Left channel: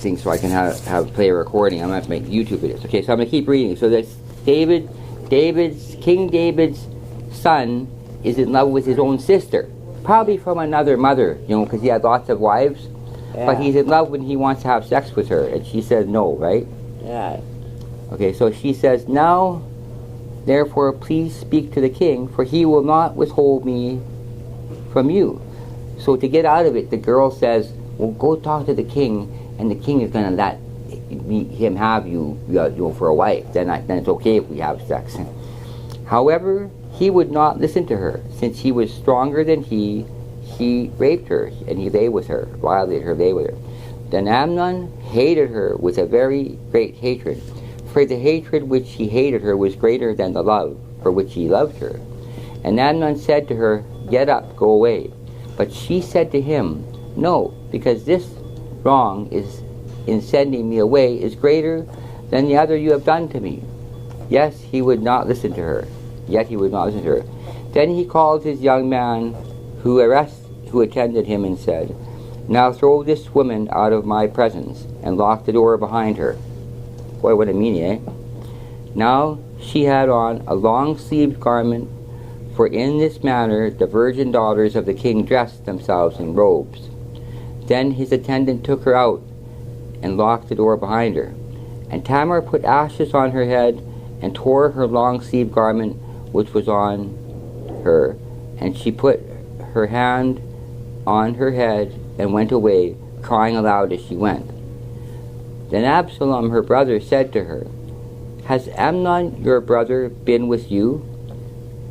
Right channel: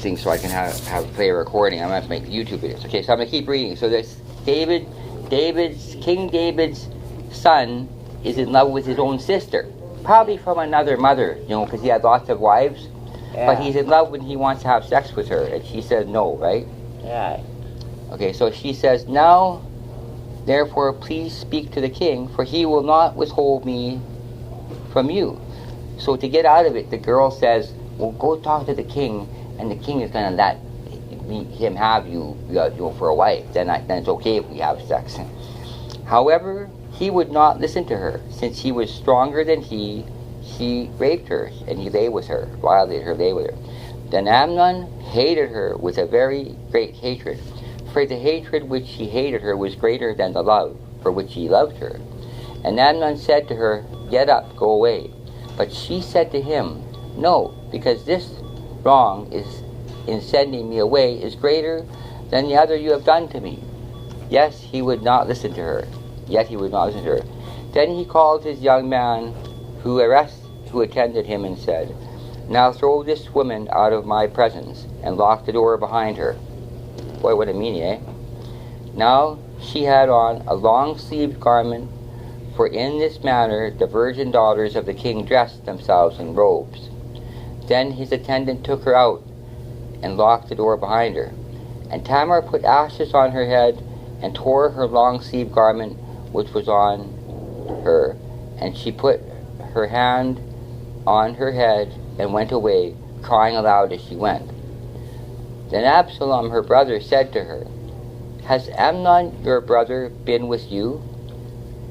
thing so I can play a recording. I'm going to have to make YouTube videos. Okay, so I'm going to keep reading. So this King David's son is in love with his own sister. Probably from another mother, because he had lots of wives. Yeah. But he's in love when he wants to have sex with her. And she says no, right? Yeah. Okay, so she says, now, therefore, please speak to the king, for he will not withhold me from you. So to get out of it, the girl says, well, go talk to the king, and the king is going to let him have you, for a wife. Then it's okay if we have sex. However, he would not listen to her. Since he was stronger than he raped her, and he lay with her, violated her, lay with her. Then Amnon hated her with a very great hatred. For the hatred which he hated her was greater than the love for which he loved her. And Amnon said to her, get up, go away. But she said to him, no, because this wrong is in sending me away is greater than the other you have done to me. Yes, he would not listen to her. Yet he would not listen to her. Then he called his young man who attended him and said, now throw this woman out of my presence and lock the door behind her. Boy, what a meanie, eh? Now she had on a long-sleeved garment, for in this manner the virgin daughters of the king dressed themselves in robes. Then his attendant took her out and locked the door behind her. And Tamar put ashes on her head and tore her long-sleeved garment which was on her, and she put her hand on her head and went away, crying aloud as she went. Then Absalom, her brother, said to her, has Amnon your brother been with you?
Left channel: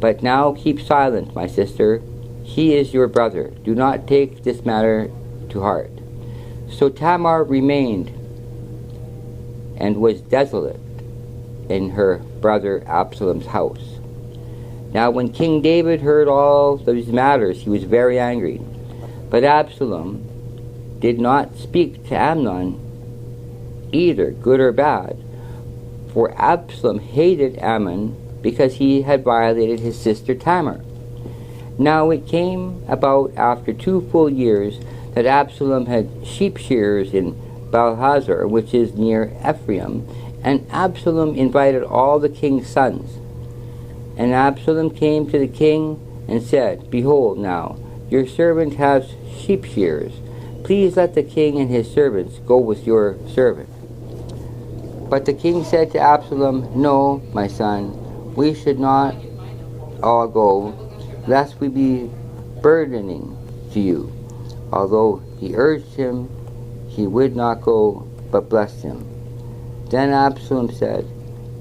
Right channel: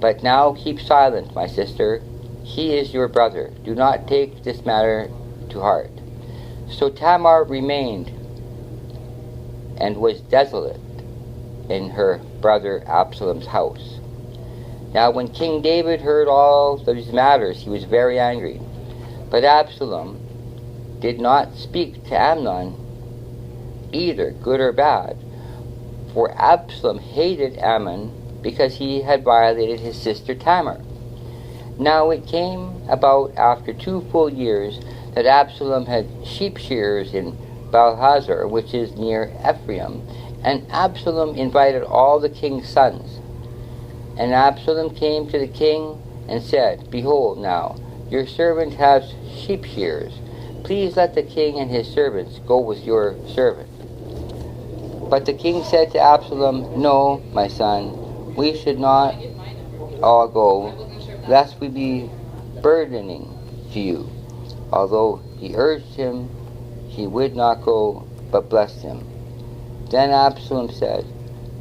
But now keep silent, my sister. He is your brother. Do not take this matter to heart. So Tamar remained and was desolate in her brother Absalom's house. Now when King David heard all these matters, he was very angry. But Absalom did not speak to Amnon either, good or bad, for Absalom hated Ammon because he had violated his sister Tamar. Now it came about after 2 full years that Absalom had sheep shearers in Baalhazor, which is near Ephraim, and Absalom invited all the king's sons. And Absalom came to the king and said, behold now, your servant has sheep shearers. Please let the king and his servants go with your servant. But the king said to Absalom, no, my son, we should not all go, lest we be burdening to you. Although he urged him, he would not go, but blessed him. Then Absalom said,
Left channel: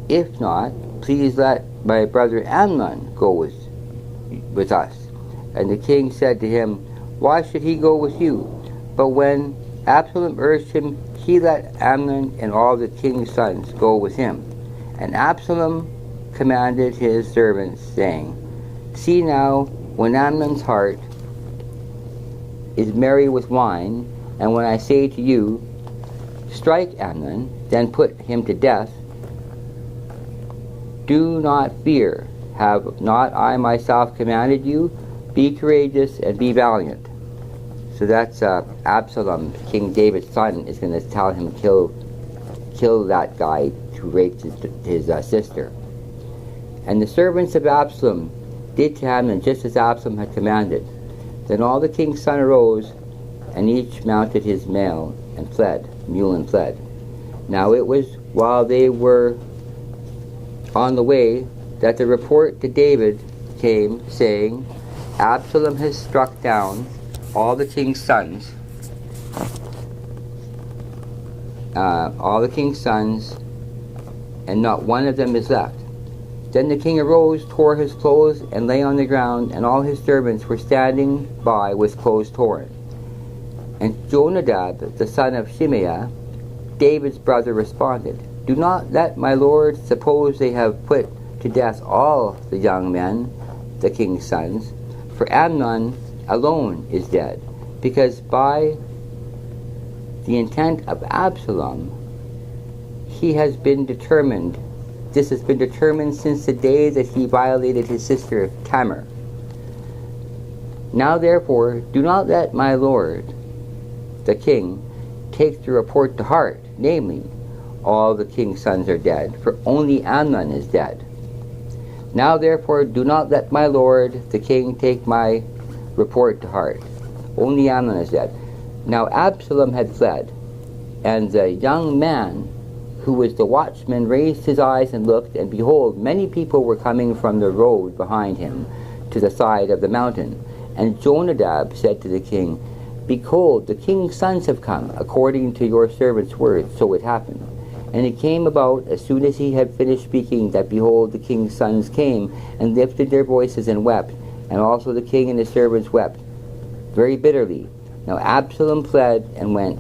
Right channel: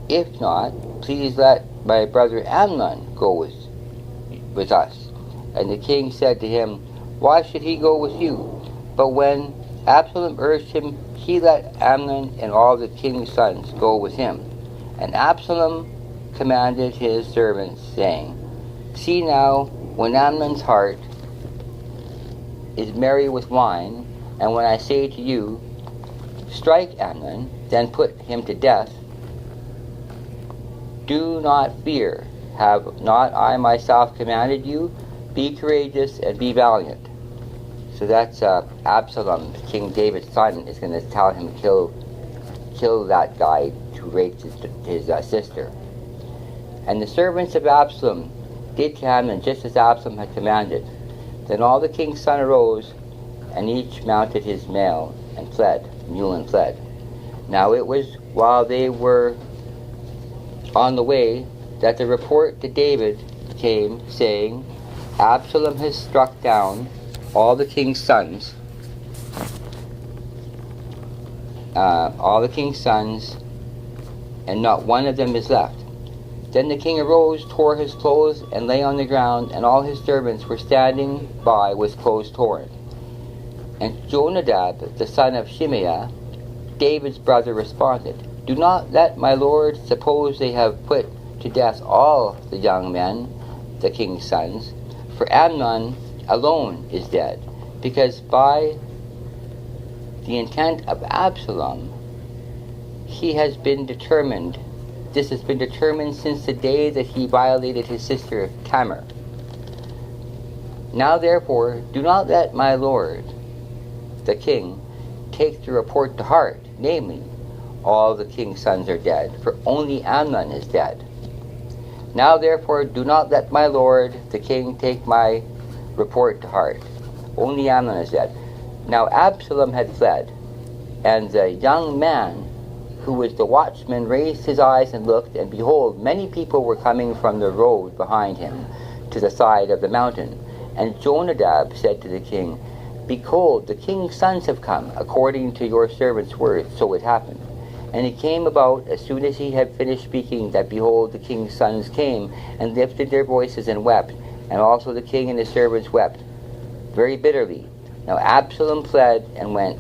if not, please let my brother Amnon go with us. And the king said to him, why should he go with you? But when Absalom urged him, he let Amnon and all the king's sons go with him. And Absalom commanded his servants, saying, see now, when Amnon's heart is merry with wine, and when I say to you, strike Amnon, then put him to death, do not fear. Have not I myself commanded you? Be courageous and be valiant. So that's Absalom, King David's son, is going to tell him kill that guy who raped his sister. And the servants of Absalom did to Amnon just as Absalom had commanded. Then all the king's sons arose, and each mounted his mule and fled. Now it was while they were on the way that the report to David came, saying, Absalom has struck down all the king's sons, and not one of them is left. Then the king arose, tore his clothes, and lay on the ground, and all his servants were standing by with clothes torn. And Jonadab, the son of Shimeah, David's brother, responded, do not let my lord suppose they have put to death all the young men, the king's sons, for Amnon alone is dead, because by the intent of Absalom this has been determined since the day that he violated his sister Tamar. Now therefore do not let my lord the king take the report to heart, namely, all the king's sons are dead, for only Amnon is dead. Now therefore do not let my lord the king take my report to heart. Only Amnon is dead. Now Absalom had fled, and the young man who was the watchman raised his eyes and looked, and behold, many people were coming from the road behind him to the side of the mountain. And Jonadab said to the king, Behold, the king's sons have come, according to your servant's word. So it happened. And it came about, as soon as he had finished speaking, that behold, the king's sons came, and lifted their voices and wept, and also the king and his servants wept very bitterly. Now Absalom fled and went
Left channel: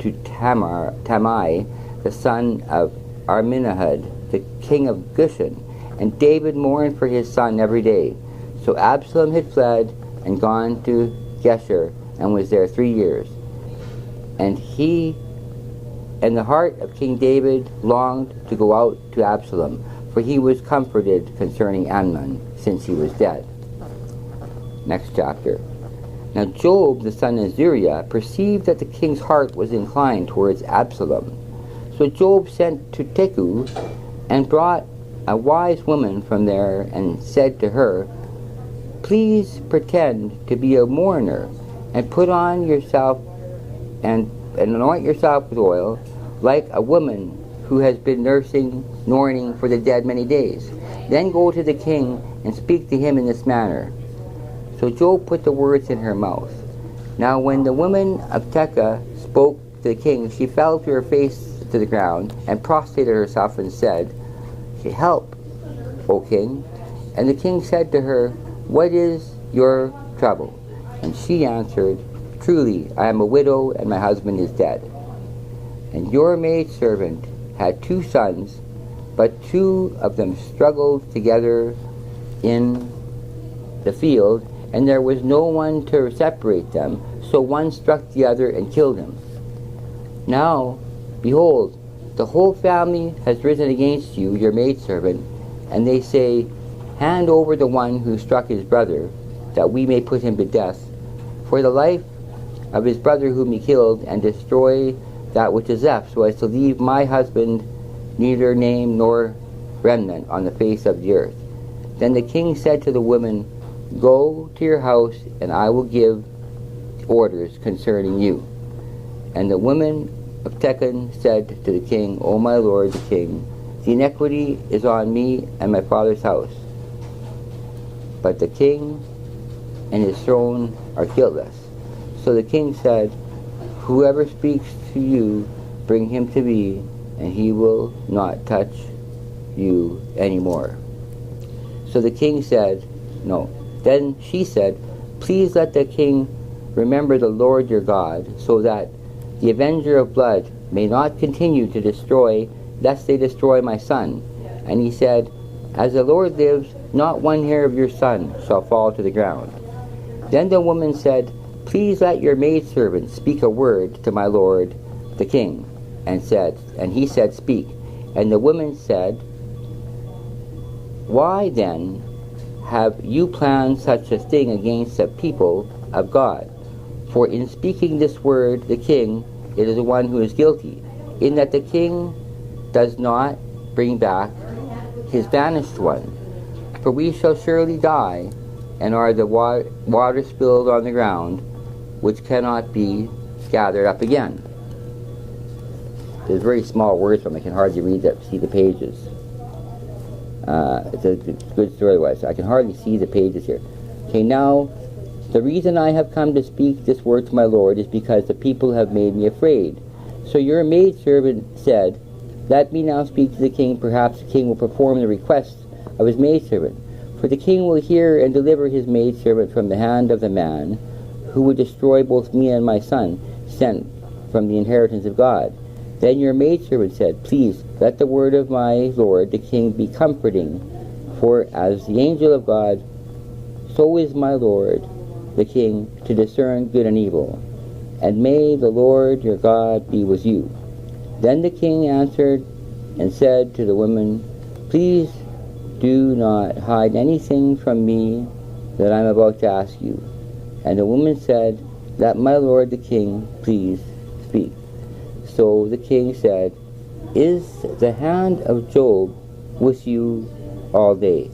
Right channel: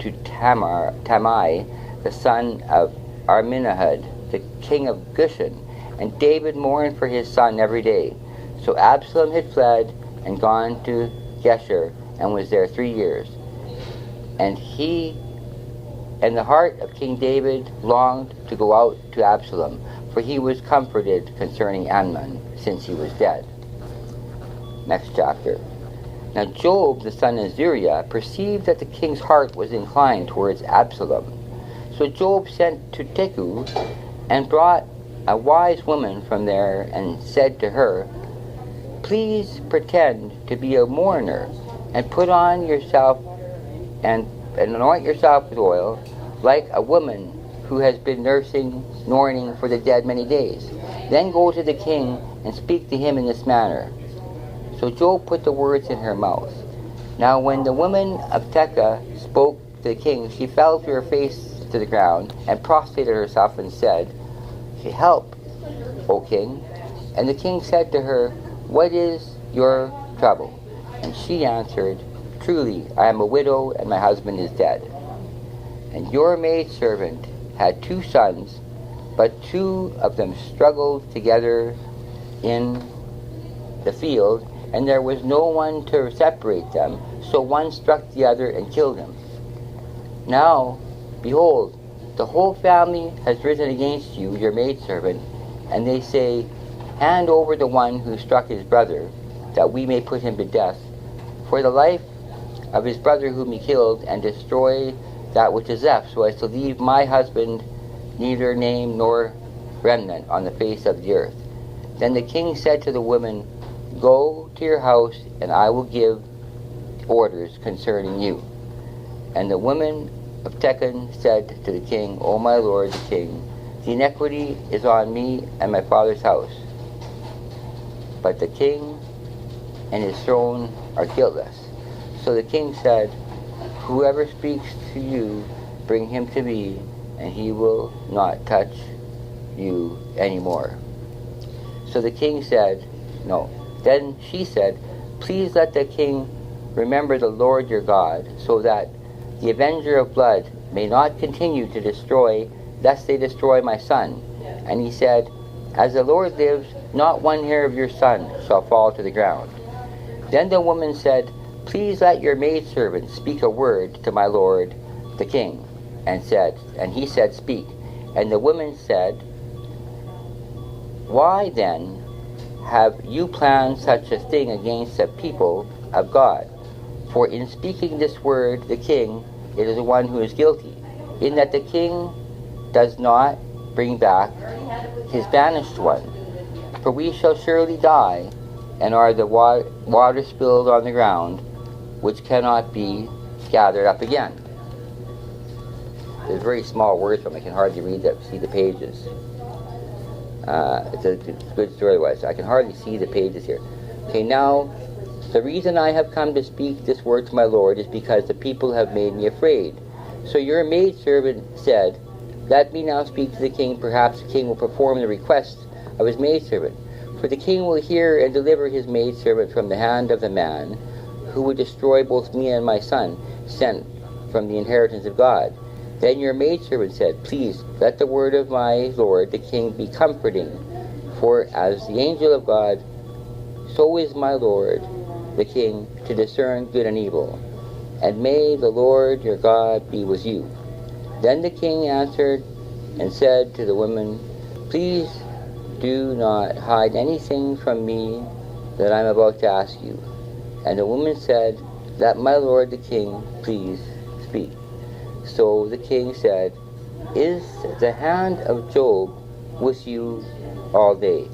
to Tamai, the son of Arminahud, the king of Gushan, and David mourned for his son every day. So Absalom had fled and gone to Geshur, and was there 3 years. And the heart of King David longed to go out to Absalom, for he was comforted concerning Amnon, since he was dead. Next chapter. Now Joab, the son of Zeruiah, perceived that the king's heart was inclined towards Absalom. So Joab sent to Tekoa, and brought a wise woman from there, and said to her, Please pretend to be a mourner, and put on yourself and anoint yourself with oil, like a woman who has been mourning for the dead many days. Then go to the king and speak to him in this manner. So Joab put the words in her mouth. Now when the woman of Tekoa spoke to the king, she fell to her face to the ground, and prostrated herself, and said, Help, O king. And the king said to her, What is your trouble? And she answered, Truly, I am a widow, and my husband is dead. And your maidservant had 2 sons, but 2 of them struggled together in the field, and there was no one to separate them. So one struck the other and killed him. Now, behold, the whole family has risen against you, your maidservant, and they say, Hand over the one who struck his brother, that we may put him to death, for the life of his brother whom he killed, and destroy that which is left, so as to leave my husband neither name nor remnant on the face of the earth. Then the king said to the woman, Go to your house, and I will give orders concerning you. And the woman of Tekoa said to the king, O my lord the king, the iniquity is on me and my father's house, but the king and his throne are guiltless. So the king said, Whoever speaks to you, bring him to me, and he will not touch you anymore. So the king said, No. Then she said, Please let the king remember the Lord your God, so that the avenger of blood may not continue to destroy, lest they destroy my son. And he said, As the Lord lives, not one hair of your son shall fall to the ground. Then the woman said, Please let your maidservant speak a word to my lord the king. And he said, Speak. And the woman said, Why then have you planned such a thing against the people of God? For in speaking this word, the king, it is the one who is guilty, in that the king does not bring back his banished one. For we shall surely die, and are the water spilled on the ground, which cannot be gathered up again. There's very small words from it. I can hardly see the pages. It's a good story, so I can hardly see the pages here. Okay, now, the reason I have come to speak this word to my lord is because the people have made me afraid. So your maidservant said, Let me now speak to the king. Perhaps the king will perform the request of his maidservant. For the king will hear and deliver his maidservant from the hand of the man who would destroy both me and my son, sent from the inheritance of God. Then your maidservant said, Please let the word of my lord the king be comforting, for as the angel of God, so is my lord the king to discern good and evil. And may the Lord your God be with you. Then the king answered and said to the woman, Please do not hide anything from me that I am about to ask you. And the woman said, Let my lord the king please speak. So the king said, "Is the hand of Job with you all day,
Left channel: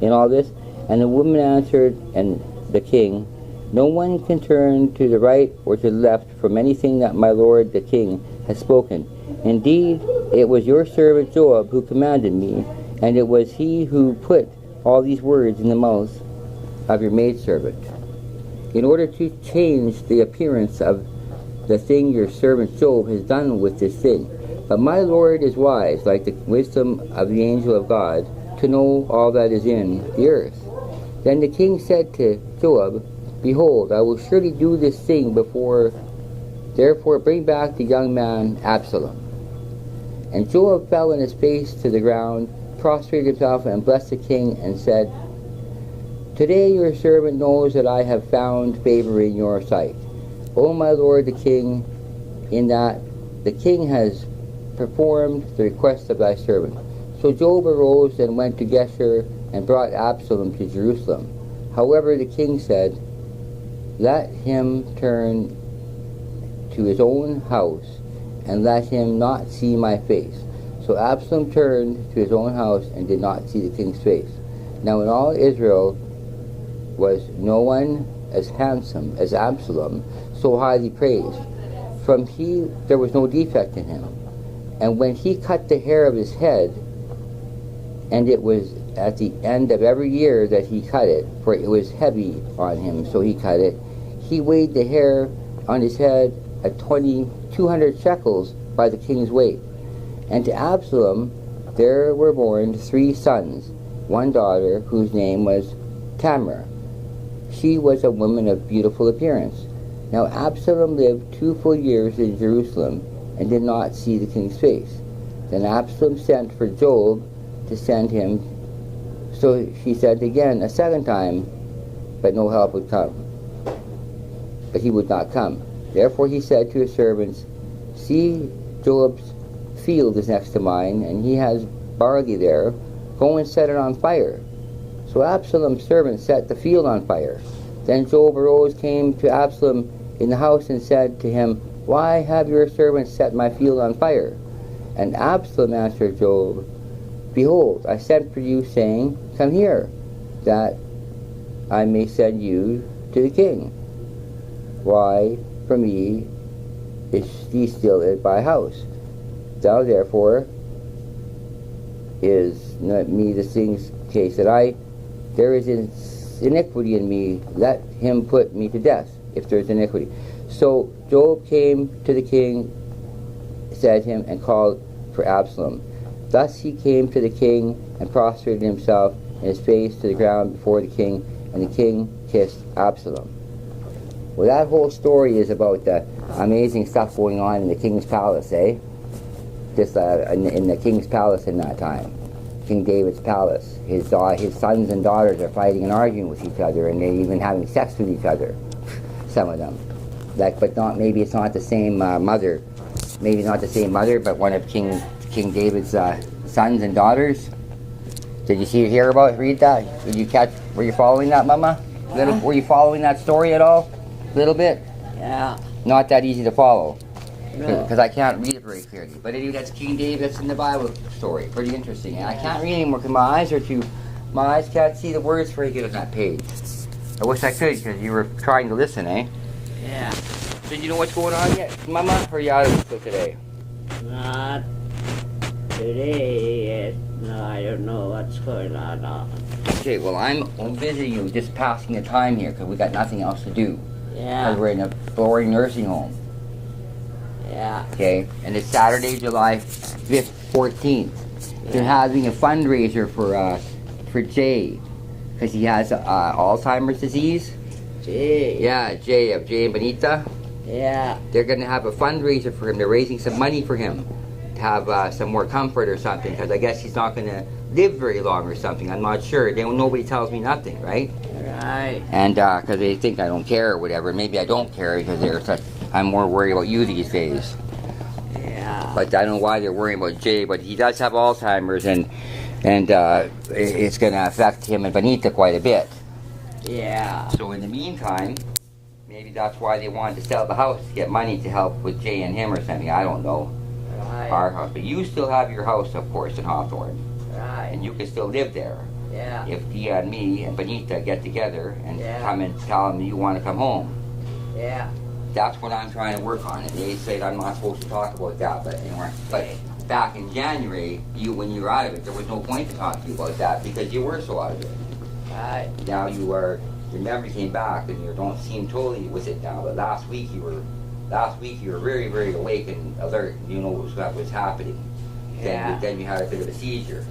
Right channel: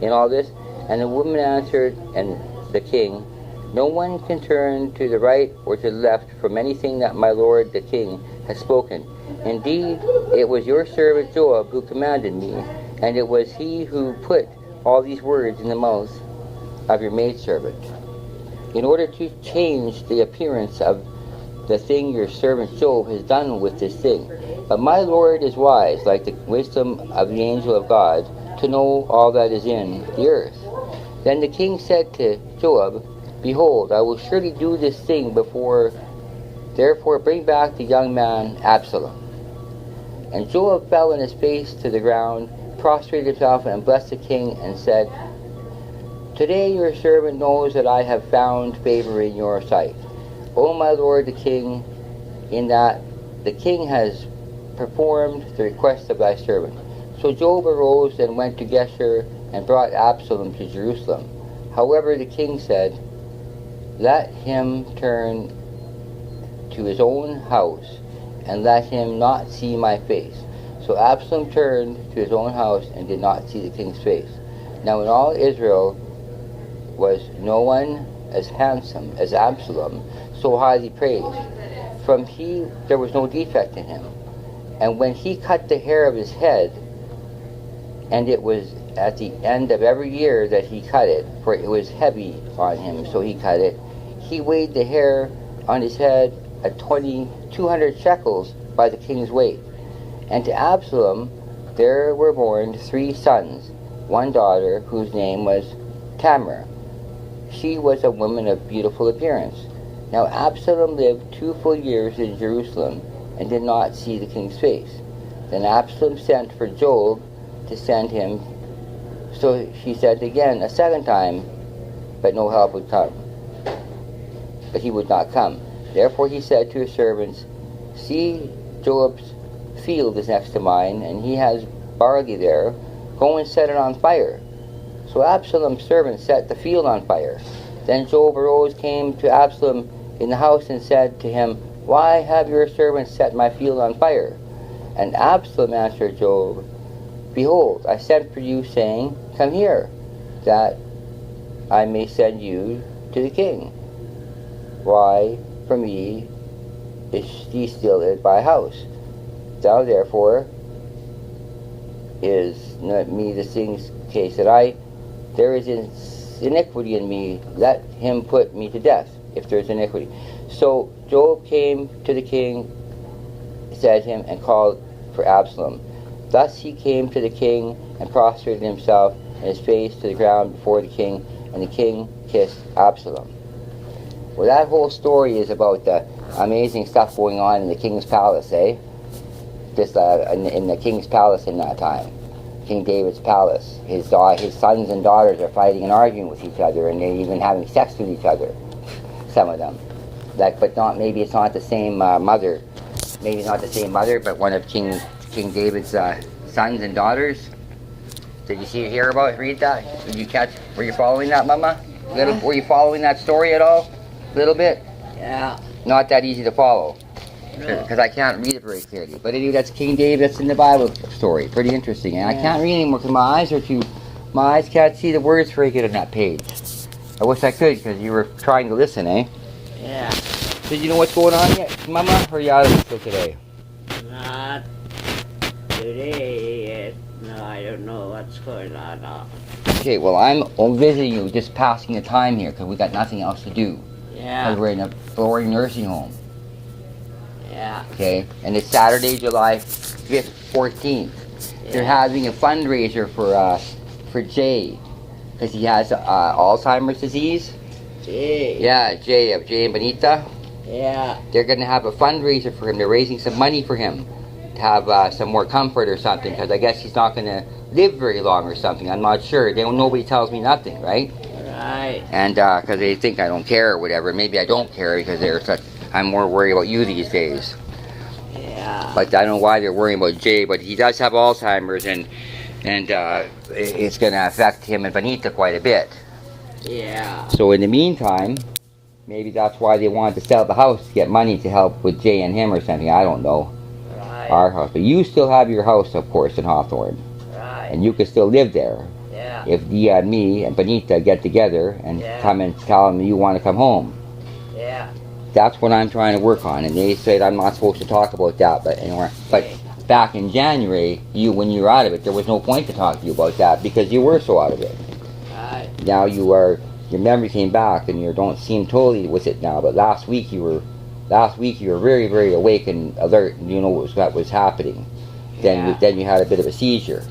in all this?" And the woman answered, and the king, "No one can turn to the right or to the left from anything that my lord the king has spoken. Indeed, it was your servant Job who commanded me, and it was he who put all these words in the mouth of your maidservant, in order to change the appearance of the thing your servant Job has done with this thing. But my Lord is wise, like the wisdom of the angel of God, to know all that is in the earth." Then the king said to Job, "Behold, I will surely do this thing before. Therefore bring back the young man Absalom." And Job fell on his face to the ground, prostrated himself, and blessed the king, and said, "Today your servant knows that I have found favor in your sight, O my lord the king, in that the king has performed the request of thy servant." So Job arose and went to Geshur, and brought Absalom to Jerusalem. However, the king said, "Let him turn to his own house, and let him not see my face." So Absalom turned to his own house, and did not see the king's face. Now in all Israel was no one as handsome as Absalom, so highly praised. There was no defect in him. And when he cut the hair of his head, and it was at the end of every year that he cut it, for it was heavy on him, so he cut it, he weighed the hair on his head at 200 shekels by the king's weight. And to Absalom there were born 3 sons, one daughter whose name was Tamar. She was a woman of beautiful appearance. Now Absalom lived 2 full years in Jerusalem, and did not see the king's face. Then Absalom sent for Job to send him. So she sent again a second time, but no help would come. But he would not come. Therefore he said to his servants, "See, Job's field is next to mine, and he has barley there. Go and set it on fire." So Absalom's servants set the field on fire. Then Job arose, came to Absalom in the house, and said to him, "Why have your servants set my field on fire?" And Absalom answered Job, "Behold, I sent for you, saying, Come here, that I may send you to the king. Why, for me is he still at my house? Thou therefore is not me the thing's case that there is iniquity in me, let him put me to death, if there is iniquity." So Job came to the king, said him, and called for Absalom. Thus he came to the king, and prostrated himself, and his face to the ground before the king, and the king kissed Absalom. Well, that whole story is about the amazing stuff going on in the king's palace, eh? In the king's palace in that time, King David's palace. His sons and daughters are fighting and arguing with each other, and they're even having sex with each other, some of them. Maybe it's not the same mother. Maybe not the same mother, but one of King David's sons and daughters. Did you read that? Were you following that, Mama? Were you following that story at all? A little bit? Yeah. Not that easy to follow, No. because I can't read it very clearly. But anyway, that's King David. That's in the Bible story. Pretty interesting. And I can't read anymore because my eyes can't see the words very good on that page. I wish I could, because you were trying to listen, eh? Yeah. So you know what's going on yet, Mama? Or are you out of it still today? Not today yet. No, I don't know what's going on now. Okay, well, I'm visiting you, just passing the time here, because we got nothing else to do. Yeah. Because we're in a boring nursing home. Yeah. Okay, and it's Saturday, July 5th, 14th. They're having a fundraiser for Jay, because he has Alzheimer's disease. Gee. Yeah, Jay and Benita. Yeah. They're going to have a fundraiser for him. They're raising some money for him to have some more comfort or something, because I guess he's not going to live very long or something. I'm not sure. Nobody tells me nothing, right? Right. And because they think I don't care or whatever. Maybe I don't care because I'm more worried about you these days. Yeah. But I don't know why they're worrying about Jay, but he does have Alzheimer's, and it's going to affect him and Benita quite a bit. Yeah. So in the meantime, Maybe that's why they wanted to sell the house to get money to help with Jay and him or something. I don't know. Right. Our house. But you still have your house, of course, in Hawthorne. Right. And you can still live there. Yeah. If me and Benita get together and Yeah. come and tell them you want to come home. Yeah. That's what I'm trying to work on. And they said I'm not supposed to talk about that. But back in January, when you were out of it, there was no point to talk to you about that because you were so out of it. Right. Now your memory came back and you don't seem totally with it now. But last week you were very, very awake and alert. And you know what was happening. Yeah. Then you had a bit of a seizure.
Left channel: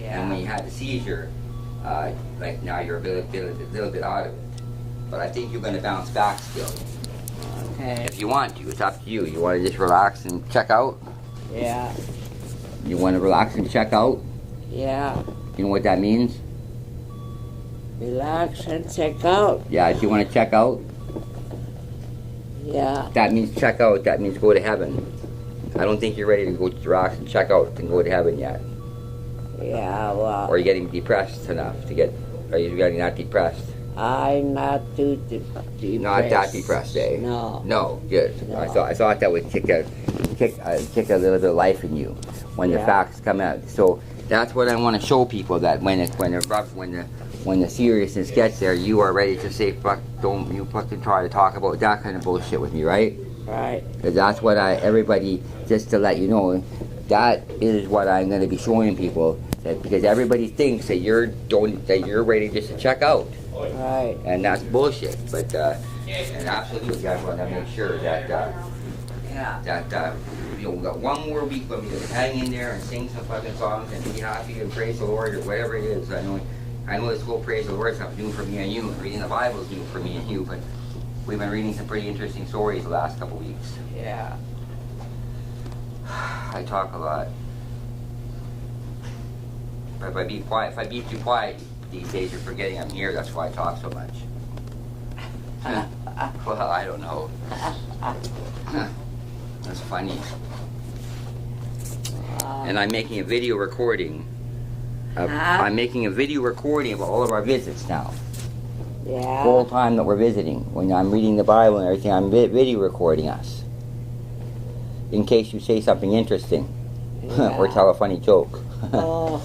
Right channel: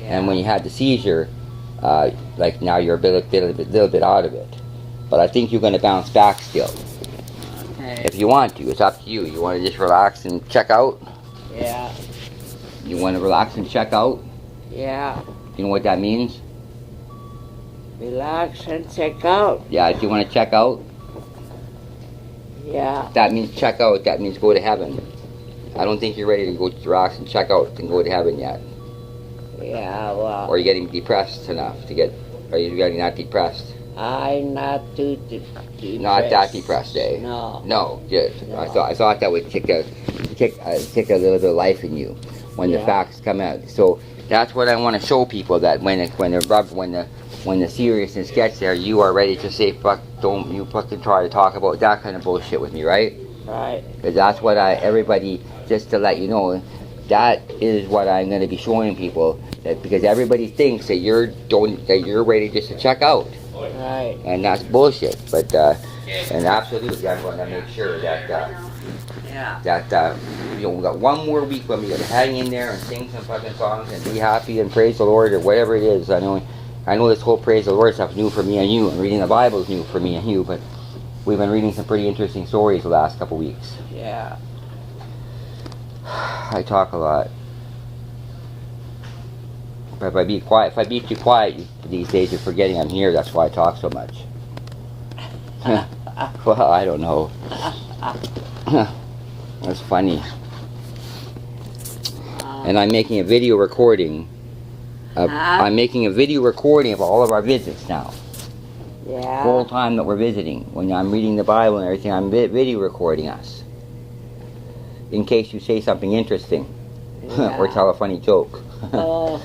Yeah. And when you had the seizure, like now you're a little bit out of it. But I think you're going to bounce back still. Okay. If you want to, it's up to you. You want to just relax and check out? Yeah. You want to relax and check out? Yeah. You know what that means? Relax and check out. Yeah, if you want to check out, Yeah. that means check out. That means go to heaven. I don't think you're ready to go relax and check out and go to heaven yet. Yeah, well, Or you're getting depressed enough to get, or you're getting not depressed. I'm not too depressed. Not that depressed, eh? No. No, good. No. I thought that would kick a little bit of life in you when the Yeah. facts come out. So that's what I want to show people, that when the seriousness gets there, you are ready to say, fuck, don't you fucking try to talk about that kind of bullshit with me, right? Right. Because that's what everybody, just to let you know, that is what I'm going to be showing people. Because everybody thinks that you're ready just to check out. Right. And that's bullshit. But and absolutely, I want to make sure that Yeah. we got one more week when we can hang in there and sing some fucking songs and be happy and praise the Lord or whatever it is. I know this whole praise the Lord stuff is new for me and you, and reading the Bible is new for me and you. But we've been reading some pretty interesting stories the last couple weeks. Yeah. I talk a lot. But if I be too quiet these days, you're forgetting I'm here. That's why I talk so much. Well, I don't know. That's funny. And I'm making a video recording. I'm making a video recording of all of our visits now. Yeah. Whole time that we're visiting. When I'm reading the Bible and everything, I'm video recording us. In case you say something interesting. Or tell a funny joke. Oh.